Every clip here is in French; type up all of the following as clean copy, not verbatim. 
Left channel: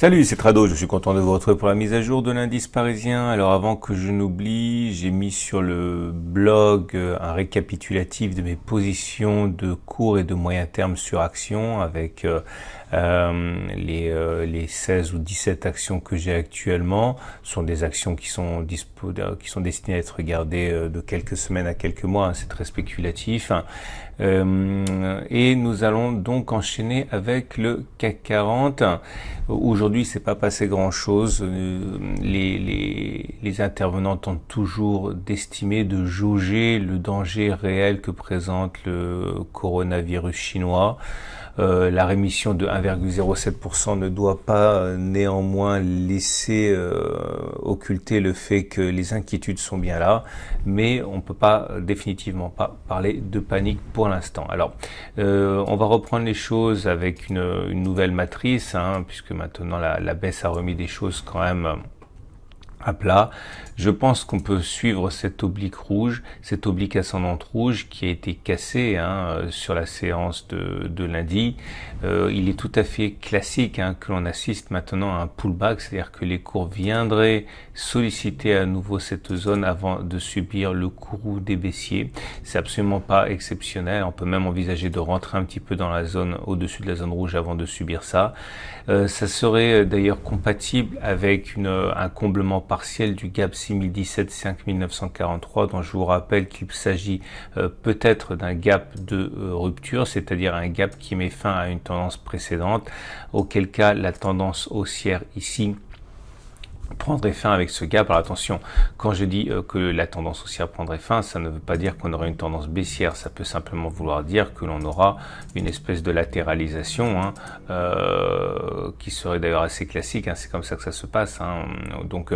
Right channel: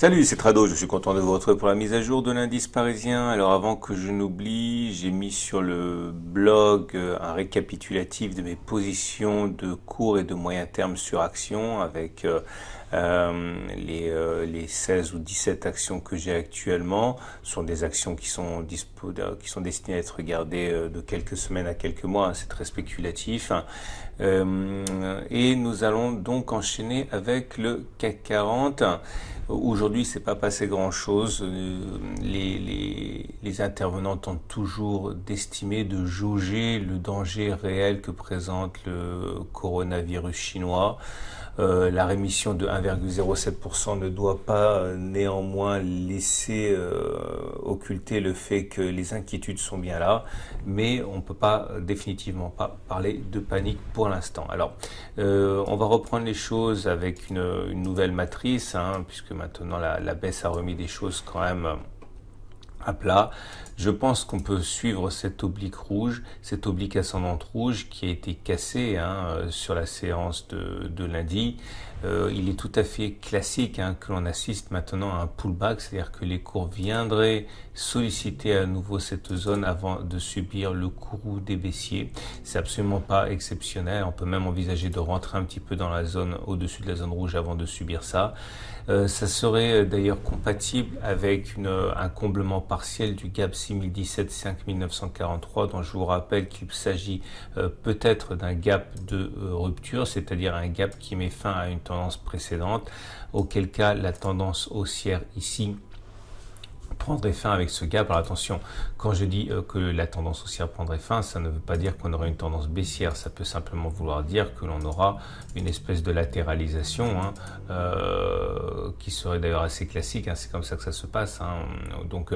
Salut, c'est Trado, je suis content de vous retrouver pour la mise à jour de l'indice parisien. Alors avant que je n'oublie, j'ai mis sur le blog un récapitulatif de mes positions de court et de moyen terme sur actions avec les 16 ou 17 actions que j'ai actuellement. Ce sont des actions qui sont destinées à être regardées de quelques semaines à quelques mois, hein, c'est très spéculatif. Et nous allons donc enchaîner avec le CAC 40. Aujourd'hui, c'est pas passé grand-chose. Les intervenants tentent toujours d'estimer, de jauger le danger réel que présente le coronavirus chinois. La rémission de 1,07% ne doit pas néanmoins laisser occulter le fait que les inquiétudes sont bien là, mais on ne peut pas définitivement pas parler de panique pour l'instant. Alors, on va reprendre les choses avec une nouvelle matrice, hein, puisque maintenant la baisse a remis des choses quand même à plat. Je pense qu'on peut suivre cette oblique rouge, cette oblique ascendante rouge qui a été cassée sur la séance de lundi. Il est tout à fait classique que l'on assiste maintenant à un pullback, c'est-à-dire que les cours viendraient solliciter à nouveau cette zone avant de subir le courroux des baissiers. C'est absolument pas exceptionnel. On peut même envisager de rentrer un petit peu dans la zone au-dessus de la zone rouge avant de subir ça. Ça serait d'ailleurs compatible avec un comblement partiel du gap 6017-5943 dont je vous rappelle qu'il s'agit peut-être d'un gap de rupture, c'est-à-dire un gap qui met fin à une tendance précédente, auquel cas la tendance haussière ici prendrait fin avec ce gap. Alors attention, quand je dis que la tendance haussière prendrait fin, ça ne veut pas dire qu'on aura une tendance baissière, ça peut simplement vouloir dire que l'on aura une espèce de latéralisation qui serait d'ailleurs assez classique, c'est comme ça que ça se passe. Donc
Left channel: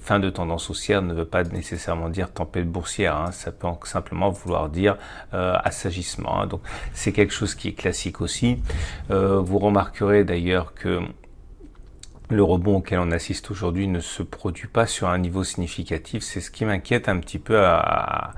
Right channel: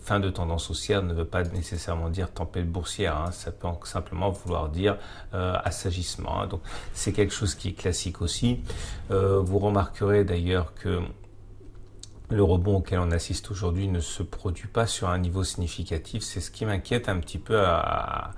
fin de tendance haussière ne veut pas nécessairement dire tempête boursière, ça peut simplement vouloir dire assagissement. Donc c'est quelque chose qui est classique aussi. Vous remarquerez d'ailleurs que le rebond auquel on assiste aujourd'hui ne se produit pas sur un niveau significatif. C'est ce qui m'inquiète un petit peu à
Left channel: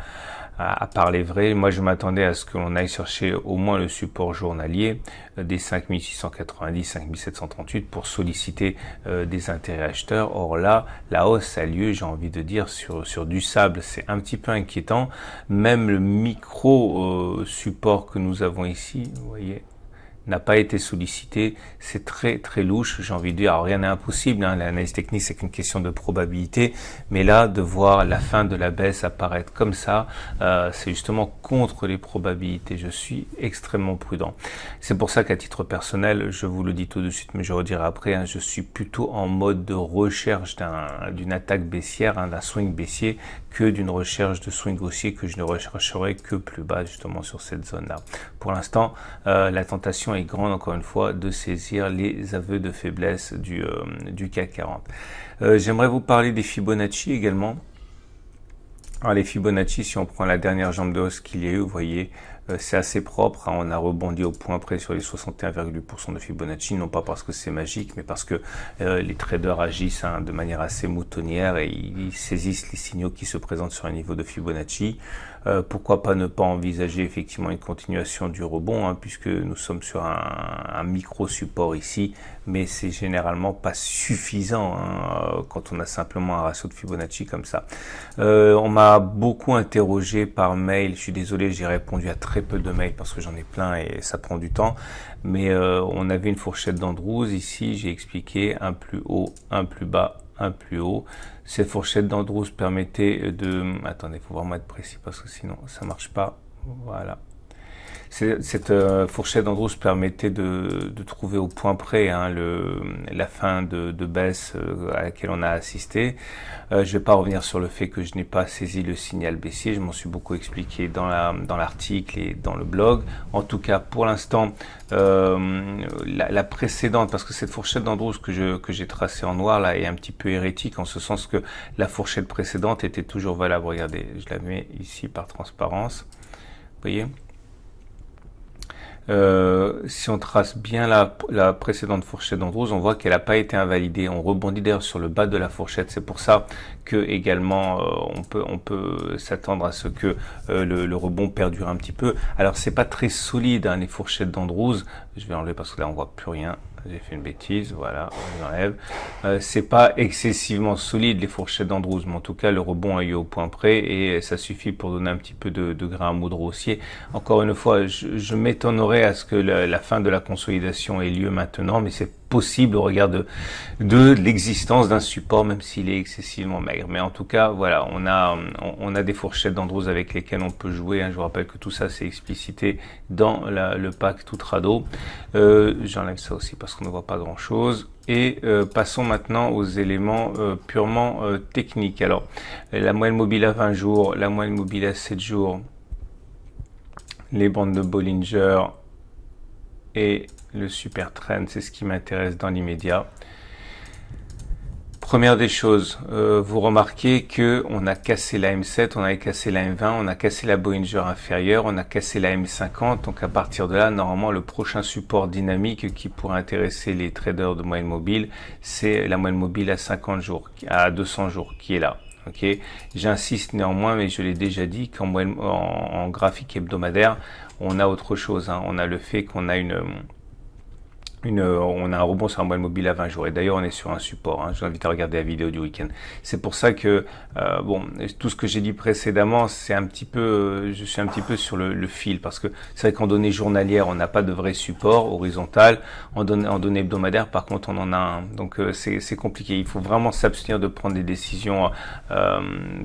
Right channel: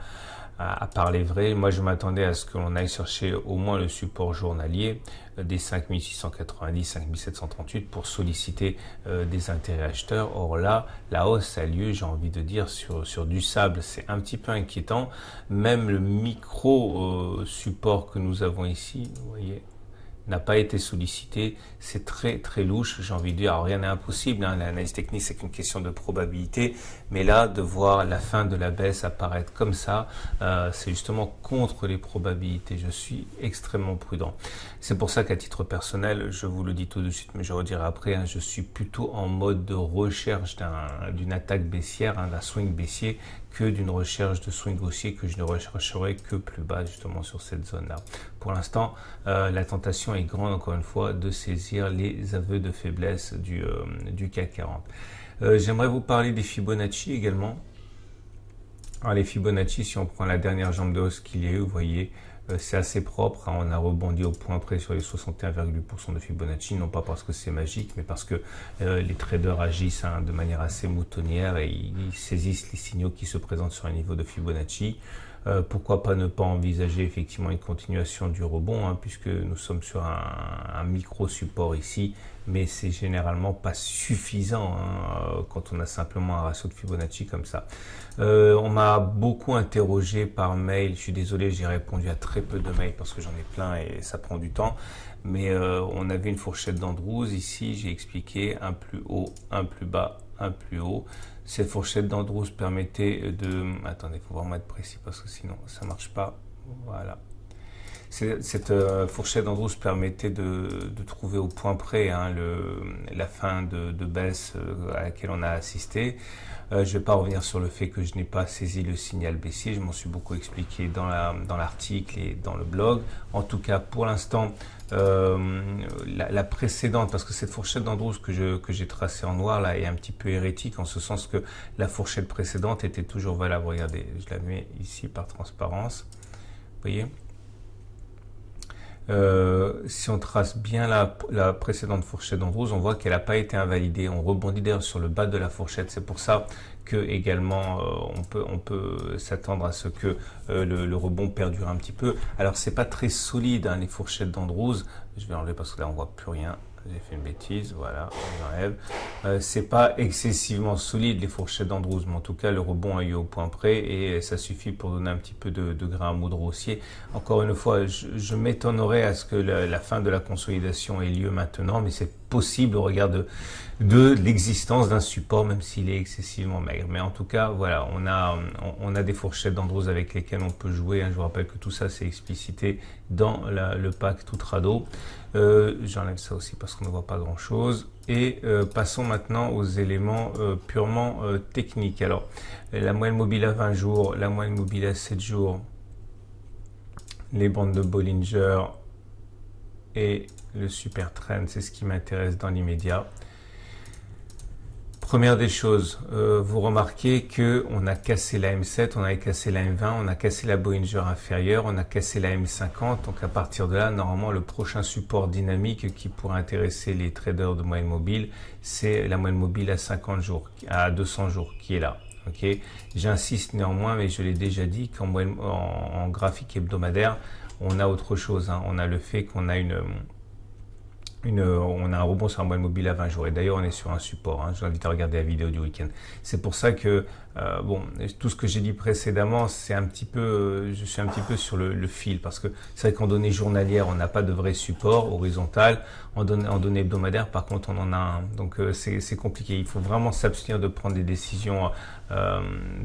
parler vrai. Moi, je m'attendais à ce que l'on aille chercher au moins le support journalier des 5690, 5738 pour solliciter des intérêts acheteurs. Or là, la hausse a lieu, j'ai envie de dire, sur du sable. C'est un petit peu inquiétant. Même le micro support que nous avons ici, vous voyez, n'a pas été sollicité, c'est très très louche, j'ai envie de dire. Alors rien n'est impossible, l'analyse technique c'est qu'une question de probabilité, mais là de voir la fin de la baisse apparaître comme ça, c'est justement contre les probabilités. Je suis extrêmement prudent. C'est pour ça qu'à titre personnel, je vous le dis tout de suite, mais je redirai après, je suis plutôt en mode de recherche d'une attaque baissière, d'un swing baissier, que d'une recherche de swing haussier que je ne rechercherai que plus bas justement sur cette zone-là. Pour l'instant, la tentation est grande encore une fois de saisir les aveux de faiblesse du CAC 40. J'aimerais vous parler des Fibonacci également. Alors les Fibonacci, si on prend la dernière jambe de hausse qu'il y a eu, vous voyez, c'est assez propre, on a rebondi au point près sur les 61,8% de Fibonacci, non pas parce que c'est magique, mais parce que les traders agissent de manière assez moutonnière et ils saisissent les signaux qui se présentent sur un niveau de Fibonacci. Pourquoi pas ne pas envisager effectivement une continuation du rebond, puisque nous sommes sur un micro-support ici, mais c'est généralement pas suffisant quand on a simplement un ratio de Fibonacci comme ça. On m'a beaucoup interrogé par mail, je suis désolé, j'ai répondu à très peu de mails parce que j'en ai plein et ça prend du temps, mais on avait une fourchette d'Andrews ici, j'ai expliqué un plus haut, un plus bas, un plus haut. Cette fourchette d'Andrews permettait de... Attendez, il faut vraiment être précis parce que sinon ça marche pas. Voilà. Cette fourchette d'Andrews permettait de trouver au point près la fin de baisse à laquelle on a assisté. Je ne vais pas revenir sur le fait que je n'ai pas saisi le signal baissier, je m'en suis beaucoup expliqué dans l'article et dans le blog. En tout cas, pour l'instant, la précédente, parce que cette fourchette d'Andrews que j'ai tracée en noir là est un petit peu hérétique en ce sens que la fourchette précédente était toujours valable. Regardez, je la mets ici par transparence. Vous voyez ? Si on trace bien la précédente fourchette d'Andrews, on voit qu'elle n'a pas été invalidée. On rebondit d'ailleurs sur le bas de la fourchette. C'est pour ça que également on peut s'attendre à ce que le rebond perdure un petit peu. Alors c'est pas très solide les fourchettes d'Andrews. Je vais enlever parce que là on voit plus rien. j'ai fait une bêtise, voilà, j'enlève. C'est pas excessivement solide les fourchettes d'Andrews, mais en tout cas le rebond a eu au point près et ça suffit pour donner un petit peu de grain à moudre haussier. Encore une fois, je m'étonnerais à ce que la fin de la consolidation ait lieu maintenant, mais c'est possible au regard de l'existence d'un support, même s'il est excessivement maigre. Mais en tout cas, voilà, on a des fourchettes d'Andrews avec lesquelles on peut jouer. Je vous rappelle que tout ça, c'est explicité dans le pack Tutrado. J'enlève ça aussi parce qu'on ne voit pas grand-chose. Et passons maintenant aux éléments purement techniques. Alors, la moyenne mobile à 20 jours, la moyenne mobile à 7 jours, les bandes de Bollinger et le super trend, c'est ce qui m'intéresse dans l'immédiat. Première des choses, vous remarquez que on a cassé la M7, on avait cassé la M20, on a cassé la Bollinger inférieure, on a cassé la M50. Donc à partir de là, normalement, le prochain support dynamique qui pourrait intéresser les traders de moyenne mobile, c'est la moyenne mobile à 50 jours, à 200 jours, qui est là. Ok, j'insiste néanmoins, mais je l'ai déjà dit en graphique hebdomadaire, on a autre chose. On a le fait qu'on a on a un rebond sur un moyenne mobile à 20 jours. Et d'ailleurs, on est sur un support. Je vous invite à regarder la vidéo du week-end. C'est pour ça que, tout ce que j'ai dit précédemment, c'est un petit peu, je suis un petit peu sur le fil. Parce que c'est vrai qu'en données journalières, on n'a pas de vrai support horizontal. En données hebdomadaires, par contre, on en a un. Donc, c'est compliqué. Il faut vraiment s'abstenir de prendre des décisions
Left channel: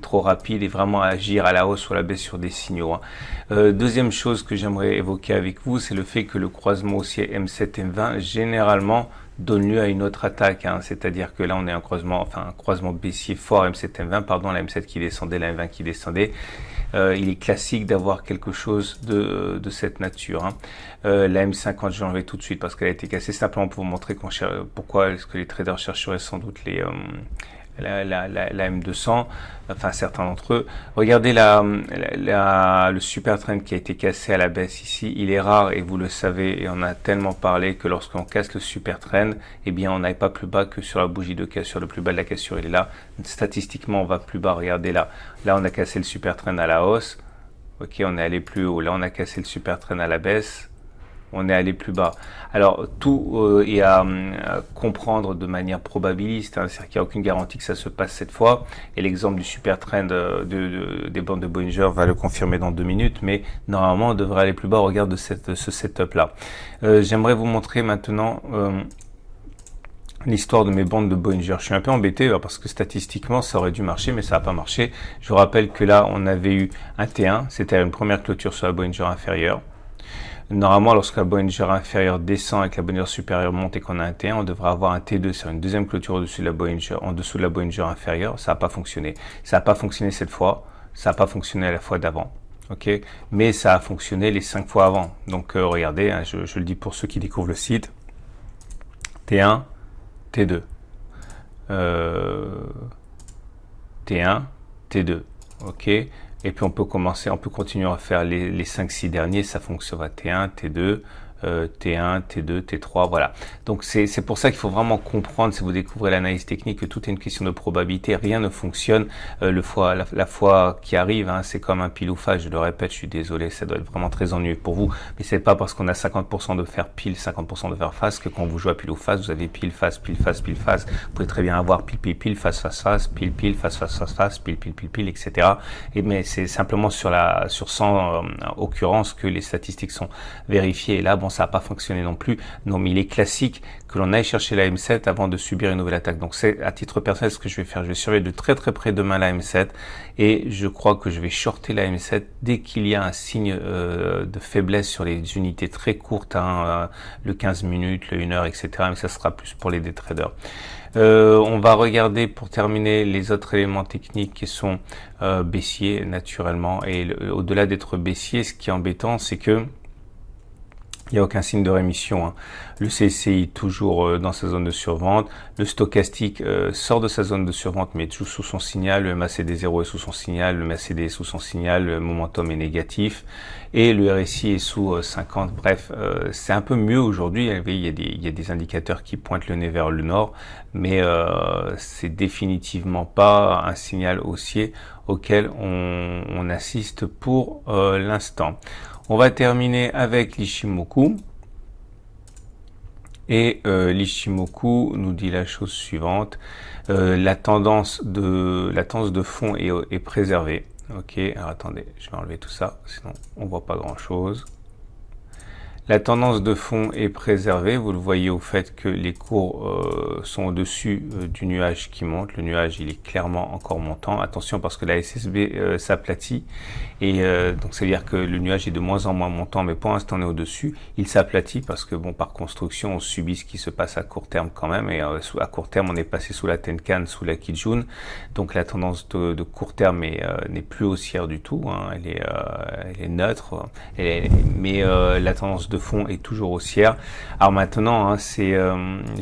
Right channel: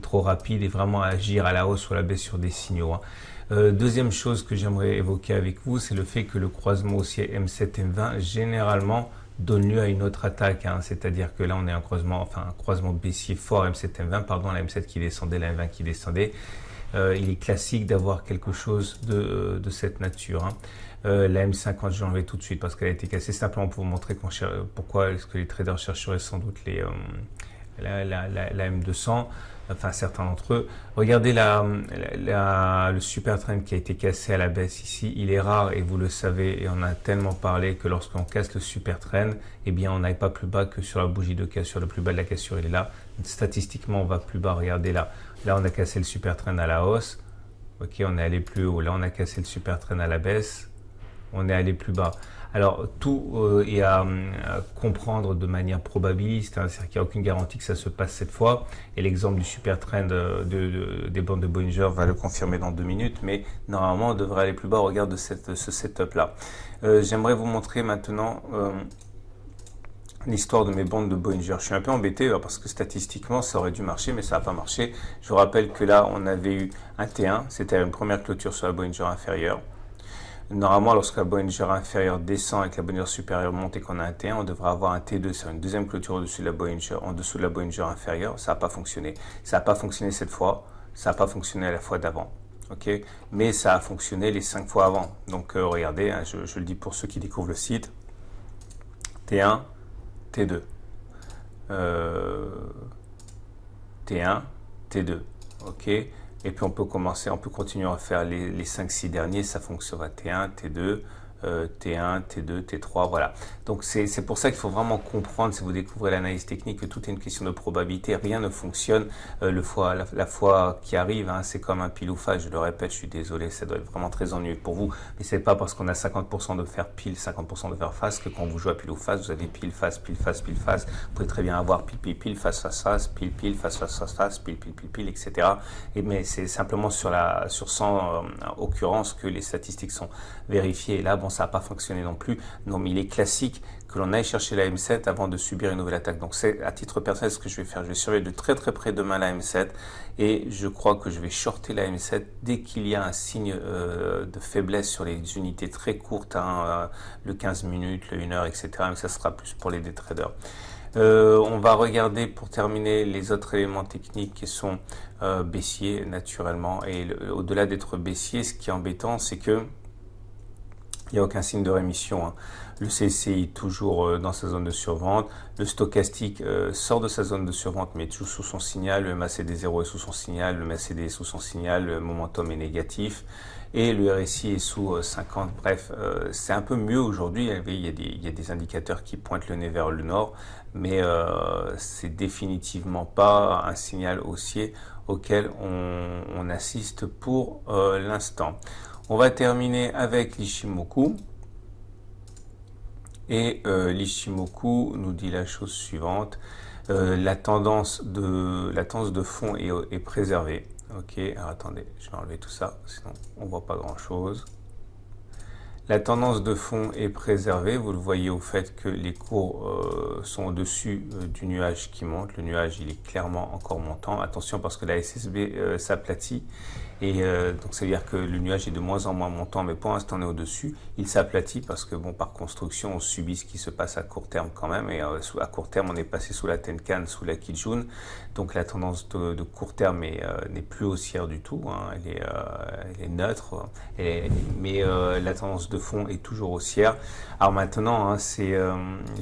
trop rapides et vraiment agir à la hausse ou à la baisse sur des signaux. Deuxième chose que j'aimerais évoquer avec vous, c'est le fait que le croisement haussier M7-M20 généralement donne lieu à une autre attaque. C'est-à-dire que là, on est un croisement baissier fort M7-M20, pardon, la M7 qui descendait, la M20 qui descendait. Il est classique d'avoir quelque chose de cette nature. La M50, je l'enlève tout de suite parce qu'elle a été cassée, simplement pour vous montrer pourquoi est-ce que les traders chercheraient sans doute la M200, enfin certains d'entre eux. Regardez le super trend qui a été cassé à la baisse ici. Il est rare, et vous le savez, et on a tellement parlé, que lorsqu'on casse le super trend, eh bien on n'aille pas plus bas que sur la bougie de cassure. Le plus bas de la cassure, il est là. Statistiquement, on va plus bas. Regardez là. Là, on a cassé le super trend à la hausse. Ok, on est allé plus haut. Là, on a cassé le super trend à la baisse. On est allé plus bas. Alors, tout est à comprendre de manière probabiliste, c'est-à-dire qu'il n'y a aucune garantie que ça se passe cette fois. Et l'exemple du super trend des bandes de Bollinger va le confirmer dans 2 minutes, mais normalement, on devrait aller plus bas au regard de ce setup-là. J'aimerais vous montrer maintenant l'histoire de mes bandes de Bollinger. Je suis un peu embêté parce que statistiquement, ça aurait dû marcher, mais ça n'a pas marché. Je vous rappelle que là, on avait eu un T1, c'était une première clôture sur la Bollinger inférieure. Normalement, lorsque la Bollinger inférieure descend et que la Bollinger supérieure monte et qu'on a un T1, on devrait avoir un T2 sur une deuxième clôture au-dessus de la Bollinger, en dessous de la Bollinger inférieure. Ça n'a pas fonctionné. Ça n'a pas fonctionné cette fois. Ça n'a pas fonctionné la fois d'avant. Ok, mais ça a fonctionné les 5 fois avant. Donc regardez, je le dis pour ceux qui découvrent le site. T1, T2. T1, T2. Ok. Et puis on peut continuer à faire les 5-6 derniers, ça fonctionnera T1, T2, T1, T2, T3, voilà. Donc c'est pour ça qu'il faut vraiment comprendre, si vous découvrez l'analyse technique, que tout est une question de probabilité, rien ne fonctionne la fois qui arrive, c'est comme un pile ou face, je le répète, je suis désolé, ça doit être vraiment très ennuyeux pour vous, mais c'est pas parce qu'on a 50% de faire pile, 50% de faire face, que quand vous jouez à pile ou face, vous avez pile, face, pile, face, pile, face, vous pouvez très bien avoir pile, pile, pile, face, face, face, pile, pile, face, face, face, face, pile, pile, pile, pile, etc. Mais c'est simplement sur 100 occurrences que les statistiques sont vérifiées, et là, bon, ça n'a pas fonctionné non plus. Non, mais il est classique que l'on aille chercher la M7 avant de subir une nouvelle attaque. Donc c'est à titre personnel ce que je vais faire. Je vais surveiller de très très près demain la M7 et je crois que je vais shorter la M7 dès qu'il y a un signe de faiblesse sur les unités très courtes, le 15 minutes, le 1 heure, etc. Mais ça sera plus pour les day traders. On va regarder pour terminer les autres éléments techniques qui sont baissiers naturellement. Et au-delà d'être baissier, ce qui est embêtant, c'est que il n'y a aucun signe de rémission. Le CCI toujours dans sa zone de survente. Le stochastique sort de sa zone de survente mais est toujours sous son signal. Le MACD0 est sous son signal. Le MACD est sous son signal. Le momentum est négatif. Et le RSI est sous 50. Bref, c'est un peu mieux aujourd'hui. Il y a des indicateurs qui pointent le nez vers le nord. Mais c'est définitivement pas un signal haussier auquel on assiste pour l'instant. On va terminer avec l'Ishimoku. Et l'Ichimoku nous dit la chose suivante, la tendance de fond est préservée. Ok, alors attendez, je vais enlever tout ça, sinon on voit pas grand chose. La tendance de fond est préservée, vous le voyez au fait que les cours sont au-dessus du nuage qui monte. Le nuage, il est clairement encore montant. Attention parce que la SSB s'aplatit. Et donc ça veut dire que le nuage est de moins en moins montant, mais pour l'instant on est au-dessus. Il s'aplatit parce que bon, par construction, on subit ce qui se passe à court terme quand même. Et à court terme, on est passé sous la Tenkan, sous la Kijun. Donc la tendance de court terme n'est plus haussière du tout. Hein. Elle est neutre. Mais la tendance de fond est toujours haussière. Alors maintenant, hein, j'ai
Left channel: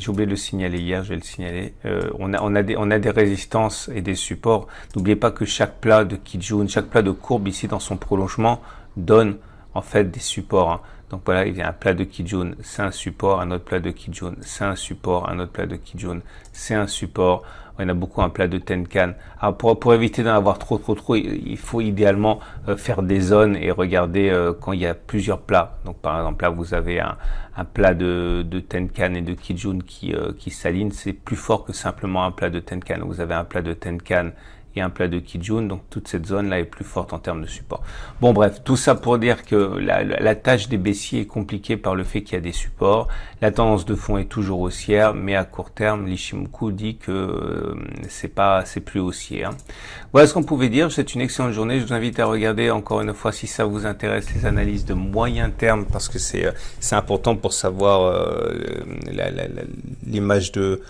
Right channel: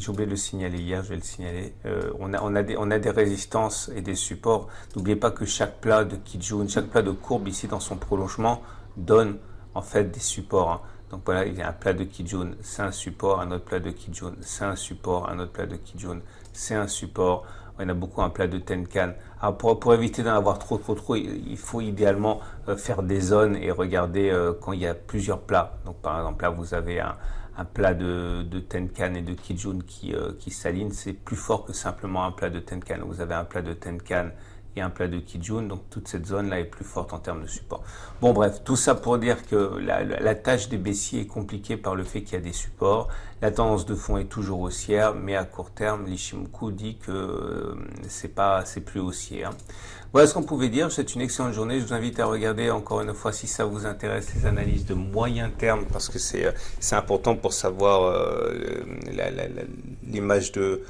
oublié de le signaler hier, je vais le signaler. On a des résistances et des supports. N'oubliez pas que chaque plat de Kijun, chaque plat de courbe ici dans son prolongement donne en fait des supports. Hein. Donc voilà, il y a un plat de Kijun, c'est un support, un autre plat de Kijun, c'est un support, un autre plat de Kijun, c'est un support. Il y en a beaucoup un plat de Tenkan. Alors pour éviter d'en avoir trop, il faut idéalement faire des zones et regarder quand il y a plusieurs plats. Donc par exemple là vous avez un plat de Tenkan et de Kijun qui s'alignent, c'est plus fort que simplement un plat de Tenkan. Vous avez un plat de Tenkan et un plat de Kijun, donc toute cette zone-là est plus forte en termes de support. Bon bref, tout ça pour dire que la tâche des baissiers est compliquée par le fait qu'il y a des supports. La tendance de fond est toujours haussière, mais à court terme, l'Ichimoku dit que c'est plus haussier. Hein. Voilà ce qu'on pouvait dire. C'est une excellente journée. Je vous invite à regarder encore une fois si ça vous intéresse les analyses de moyen terme parce que c'est important pour savoir l'image de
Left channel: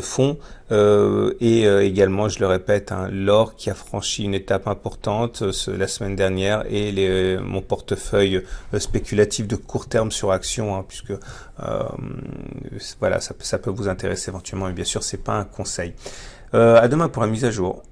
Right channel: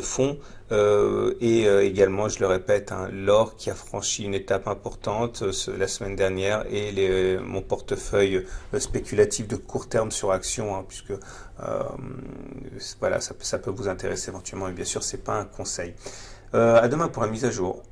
fond et également, je le répète, hein, l'or qui a franchi une étape importante la semaine dernière et mon portefeuille spéculatif de court terme sur action, hein, puisque voilà, ça peut vous intéresser éventuellement, mais bien sûr, c'est pas un conseil. À demain pour la mise à jour.